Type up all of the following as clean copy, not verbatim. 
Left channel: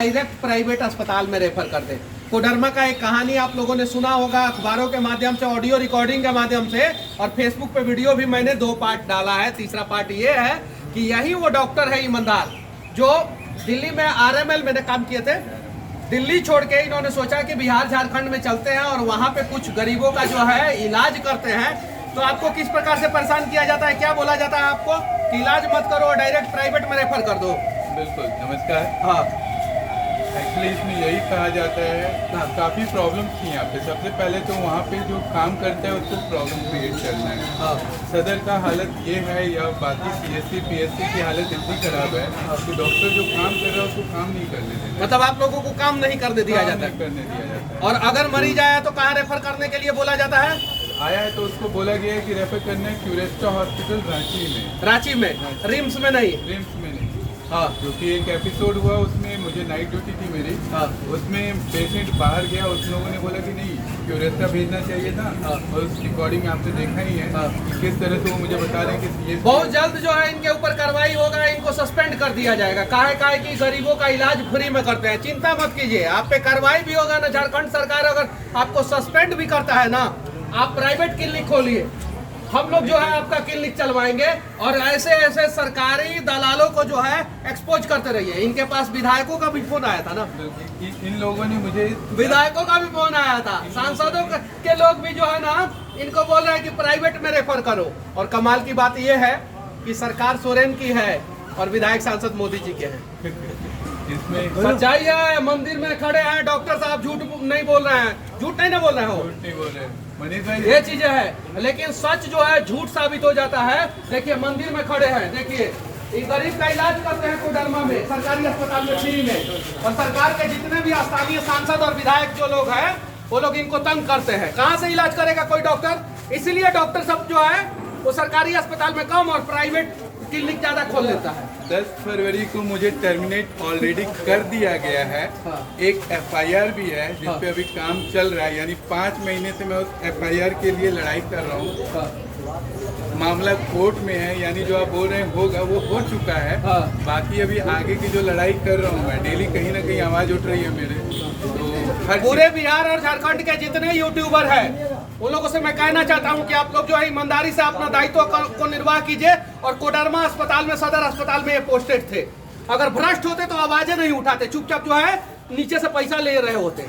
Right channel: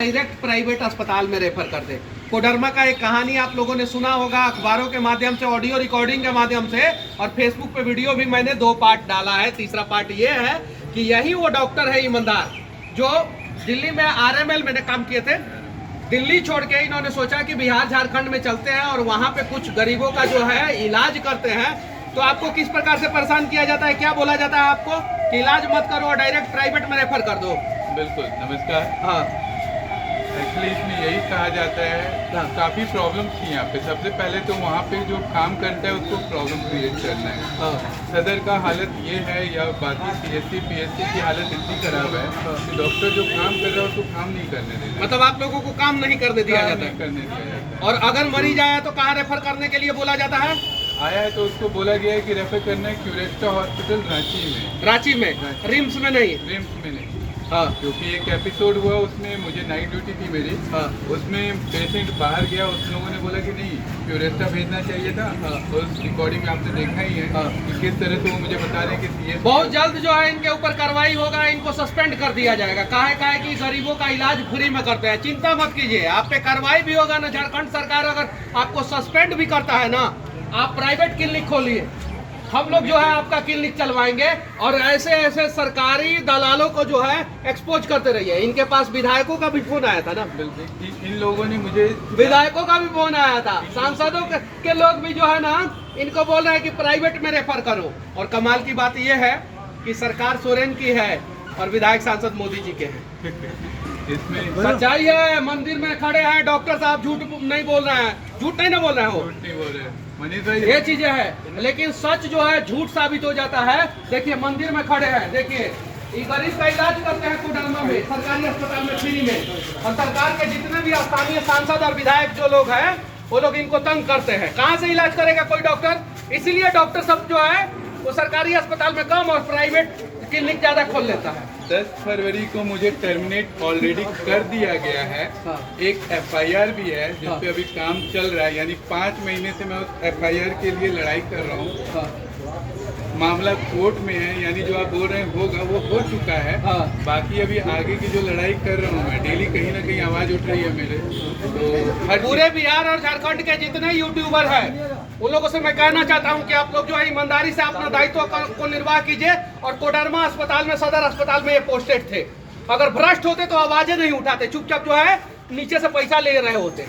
Direct private अस्पताल में refer कर दे। कोडरमा का एक कहानी आप लोगों ने सुना होगा अखबारों के माध्यम से, ऑडियो रिकॉर्डिंग के माध्यम से, और फेसबुक पे वीडियो भी मैंने 2 पार्ट डाला है। तीसरा पार्ट ये है कि यही वो डॉक्टर है ईमानदार जो दिल्ली में RML में काम किए थे। दिल्ली छोड़ के इन्होंने सोचा कि बिहार झारखंड में चलते हैं और वहाँ पे कुछ गरीबों का जो है इलाज करते हैं। तो आपको किस प्रकार से परेशान किया जाता है, क्या बोला जाता है आपको कि इलाज मत करो और डायरेक्ट प्राइवेट में रेफर कर दो। बिल्कुल, नमस्कार। हाँ, एक्चुअली इसमें यही कहा जाता है, काफ़ी प्रॉब्लम्स थी यहाँ पे। सबसे पहले तो वहाँ पे जो काम करता है उसको प्रॉब्लम क्रिएट करना है। सदर का हालत ये है या बाकी CSC PSC की हालत इतनी खराब है कि डॉक्टर जो काम कर रहा है उसको काम नहीं करने देना। मतलब आप लोगों को काम नहीं करने दिया जाता है। करने दिया जाता है। और अगर मरीज आया तो कहाँ रेफर करने के लिए बोला जाता है? आया है तो उसको बोला गया है कि रेफर करना है क्यूरेस्टा हॉस्पिटल रांची में। रांची में, रिम्स में नहीं? रिम्स में नहीं। हाँ, क्योंकि एक एपिसोड हुआ उसमें मुझे नाइट ड्यूटी थी मेरी। उसमें पेशेंट बाहर गया, उस लोगों ने बोला कि नहीं क्यूरेस्टा भेजना चाहिए था। और उस रिकॉर्डिंग में आपने देखा ही है कि किस तरह से वो मुझे बता रहे हैं कि बहुत जल्द जो है इनके ऊपर कार्रवाई होगा, इनको सस्पेंड कर दिया जाएगा। काहे कि गरीबों का इलाज फ्री में करते हैं। चिंता मत कीजिए, आप पे कार्रवाई भी होगा ना। झारखंड सरकार अगर आपको सस्पेंड भी करता है ना, आप प्राइवेट क्लिनिक खोलिए, हम लोग जो है आपका क्लिनिक चलवाएंगे। और ऐसे ऐसे सरकारी दलालों को जो है एक्सपोज करते रहिए। इनके पास विधायकों का भी फोन आया था ना, इन लोगों ने मुझे विधायकों का भी फोन आया था, सांसदों के लोग भी जो है ना इनको बोल रहे हैं कि प्राइवेट में रेफर करो। और कमाल की बात यह है कि सरकार सोरेन की है और विधायक सांसद मोदी जी के हैं। इसमें सच्चाई है, मंदिर में खड़े हैं डॉक्टर साहब, झूठ नहीं बोल रहे हैं, झूठ नहीं ना बोल रहे हो, ये चीजें है। लेकिन सच जो है झूठ साबित हो जाता है। देखिए मंदिर में खड़े हैं, देखिए ये गरीब का इलाज करते हैं कोडरमा में सरकारी अस्पताल में फ्री में। और सरकार के जितने भी स्थानीय सांसद और विधायक जो लोग हैं वो लोग इनको तंग करते हैं। कहाँ से इलाज करेगा कोई डॉक्टर? इसीलिए डॉक्टर सब जो है वो सरकारी अस्पताल में कम और प्राइवेट क्लिनिक ज्यादा खोल लेता है। 10 फरवरी को मुझे टर्मिनेट ऑलरेडी कर दिया गया है। एक FIR भी है जिस पे अभी काम चल रहा है, यानी 5 महीने से मैं उस FIR के लिए लड़ाई कर रहा हूँ। मामला कोर्ट में है, यानी जो आप बोल रहे हैं होगा वो हो चुका है। बाकी अभी आगे की जो लड़ाई कर रहा हूँ मैं, डेली कहीं ना कहीं आवाज उठ रही है मेरे। तो पूरे बिहार और झारखंड के जितने यूट्यूबर हैं उन लोगों से मैं कहना चाहता हूं कि आप लोग जो है ईमानदारी से अपना दायित्व को निर्वाह कीजिए। और कोडरमा अस्पताल में, सदर अस्पताल में ये पोस्टेड थे। अगर भ्रष्ट होते तो आवाजें नहीं उठाते, चुपचाप जो है नीचे से पैसा ले रहे होते।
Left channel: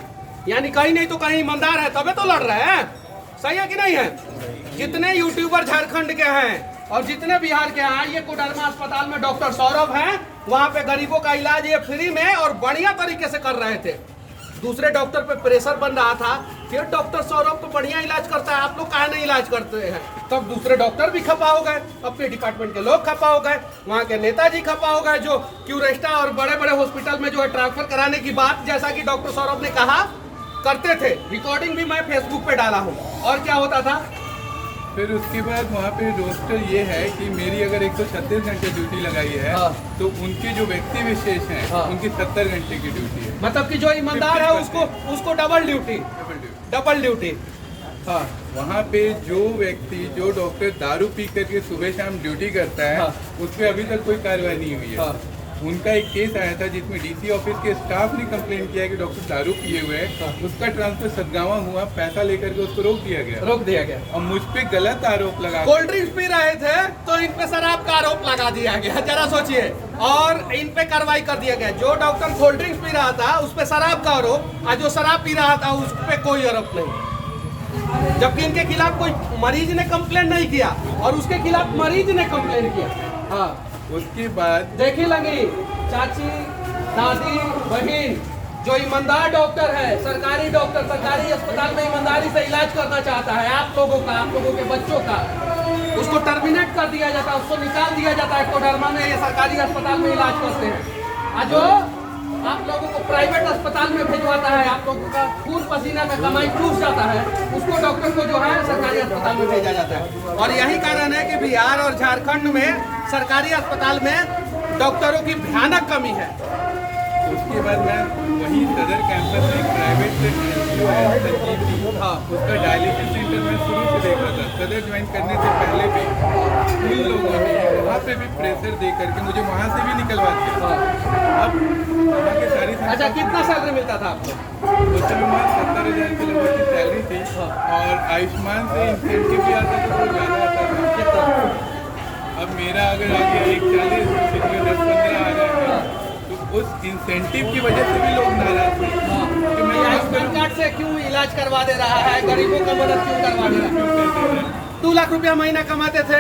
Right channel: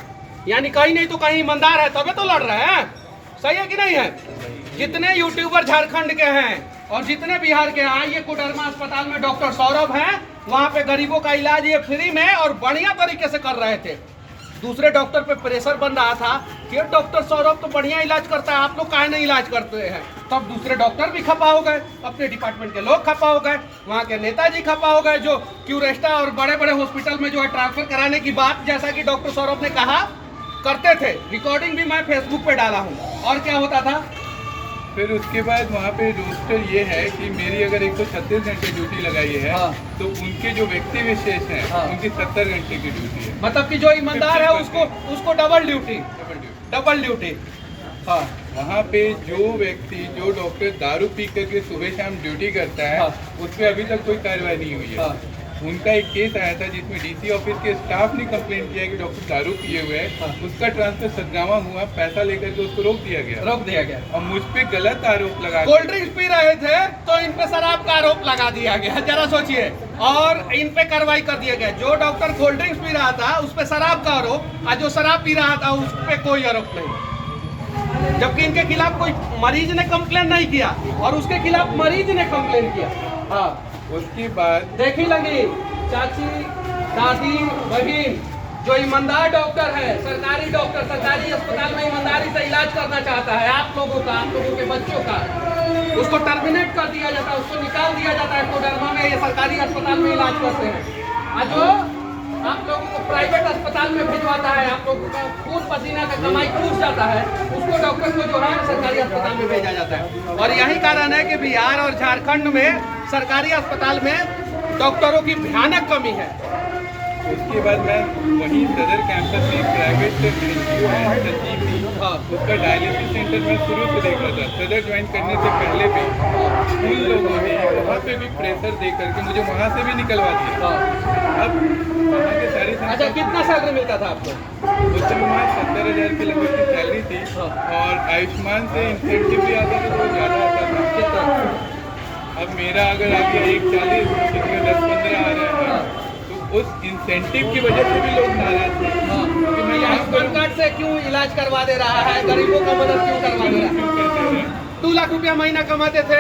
यानी कहीं नहीं तो कहीं ईमानदार है तबे तो लड़ रहे हैं। सही है कि नहीं है? जितने यूट्यूबर झारखंड के हैं और जितने बिहार के हैं, आइए कोडरमा अस्पताल में डॉक्टर सौरभ हैं, वहाँ पे गरीबों का इलाज ये फ्री में और बढ़िया तरीके से कर रहे थे। दूसरे डॉक्टर पे प्रेशर बन रहा था कि डॉक्टर सौरभ तो बढ़िया इलाज करता है, आप लोग काहे नहीं इलाज करते हैं। तब दूसरे डॉक्टर भी खपा हो गए, अपने डिपार्टमेंट के लोग खपा हो गए, वहाँ के नेताजी खपा हो गए जो क्यूरेस्टा और बड़े बड़े हॉस्पिटल में जो है ट्रांसफर कराने की बात, जैसा कि डॉक्टर सौरभ ने कहा, करते थे। रिकॉर्डिंग भी मैं फेसबुक पे डाला हूँ। और क्या होता था फिर उसके बाद वहाँ पे रोस्टर ये है कि मेरी अगर 136 घंटे ड्यूटी लगाई है तो उनके जो व्यक्ति विशेष हैं उनकी 70 घंटे की ड्यूटी है। मतलब कि जो ईमानदार है उसको डबल ड्यूटी। हाँ, वहाँ पे जो व्यक्ति, जो डॉक्टर दारू पी करके सुबह शाम ड्यूटी करता है उस पर अभी तक कोई कार्रवाई नहीं हुई है। उनका एक केस आया था जिसमें DC ऑफिस के स्टाफ ने कंप्लेन किया कि डॉक्टर दारू पिए हुए हैं। उसका ट्रांसफर सदगावा हुआ, पैसा लेकर के उसको रोक दिया गया। और मुझ पे गलत आरोप लगा, कोल्ड ड्रिंक्स पी रहे थे तो इन पे शराब का आरोप लगा दिया गया। जरा सोचिए, और इन पे कार्रवाई कर दिया गया। जो डॉक्टर कोल्ड ड्रिंक्स पी रहा था उस पे शराब का आरोप, और जो शराब पी रहा था उस पे कोई आरोप नहीं। जबकि इनके खिलाफ कोई मरीज ने कंप्लेन नहीं किया और उसके खिलाफ मरीज ने कंप्लेन किया। हाँ, उसके बाद देखी लगी चाची, दादी, बहन, जो ईमानदार डॉक्टर है, सरकारी डॉक्टर सरकारी अस्पताल में ईमानदारी से इलाज करना चाहता है आप लोगों के बच्चों का, उसको टर्मिनेट कर दिया जाता है, उसको निकाल दिया जाता है। कोडरमा में ये सरकारी अस्पताल में इलाज करते हैं। और जो आप लोगों को प्राइवेट अस्पताल में भिजवाता है, आप लोगों का खून पसीना का कमाई टूट जाता है, उसको डॉक्टर को जो है सरकारी अस्पताल में भेजा जाता है। और यही कारण है कि बिहार और झारखंड में सरकारी अस्पताल में डॉक्टरों की भयानक कमी है। उसके बाद मैं वहीं सदर कैंपस में प्राइवेट NGO है उसका डायलिसिस सेंटर मैं शुरू से देख रहा था। सदर ज्वाइन करने से पहले भी उन लोगों ने वहाँ पे भी प्रेशर दे करके मुझे वहाँ से भी निकलवाते। अब वहाँ के सारी अच्छा, कितना सैलरी मिलता था आपको? उस समय में 70,000 के लगभग की सैलरी थी और आयुष्मान से इंसेंटिव भी आता था तो बहुत ज़्यादा आता था। अब मेरा अगर आगे 140 इसमें 10-15 आ रहा है तो उस इंसेंटिव की वजह से भी लोग नाराज थे कि मैं आयुष्मान कार्ड से क्यों इलाज करवा दे रहा है, गरीबों का मदद क्यों करवा दे रहा है? 2 लाख रुपया महीना कमाते थे,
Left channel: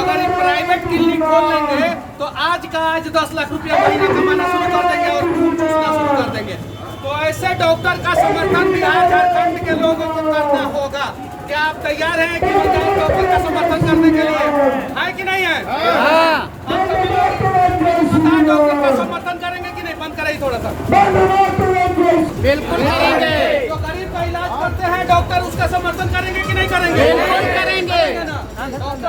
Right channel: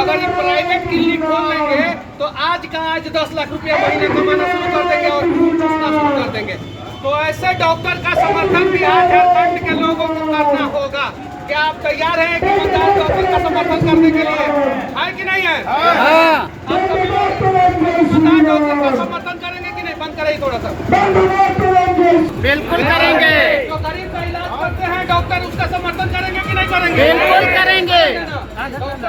अगर ये प्राइवेट क्लिनिक खोल लेंगे तो आज का आज 10 लाख रुपया महीना कमाना शुरू कर देंगे और चूसना शुरू कर देंगे। तो ऐसे डॉक्टर का समर्थन बिहार झारखंड के लोगों को करना होगा। क्या आप तैयार हैं कि ईमानदार डॉक्टर का समर्थन करने के लिए? है कि नहीं है? आप सभी लोग ईमानदार डॉक्टर का समर्थन करेंगे कि नहीं? बंद करें थोड़ा सा। बिल्कुल करेंगे। जो गरीब का इलाज करते हैं डॉक्टर, उसका समर्थन करेंगे कि नहीं करेंगे? बिल्कुल करेंगे। डॉक्टर